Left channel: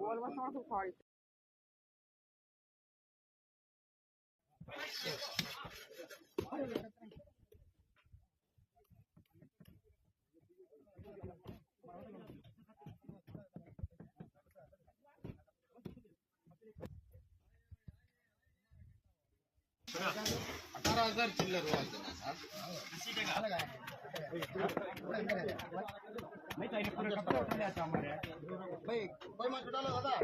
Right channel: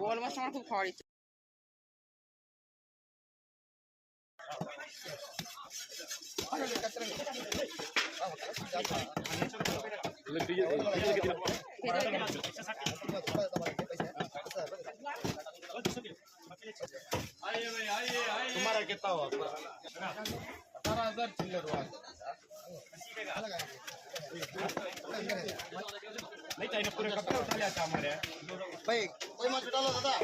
বল মাছ আমার খুব খাওয়ার ইচ্ছা। तुम्हारा कितना हुआ? 18,000 चिल्लर हुआ। नहीं चाहिए पूरे कपड़े उठा लिया था हमारे भाई कोई मत उठा लो दादा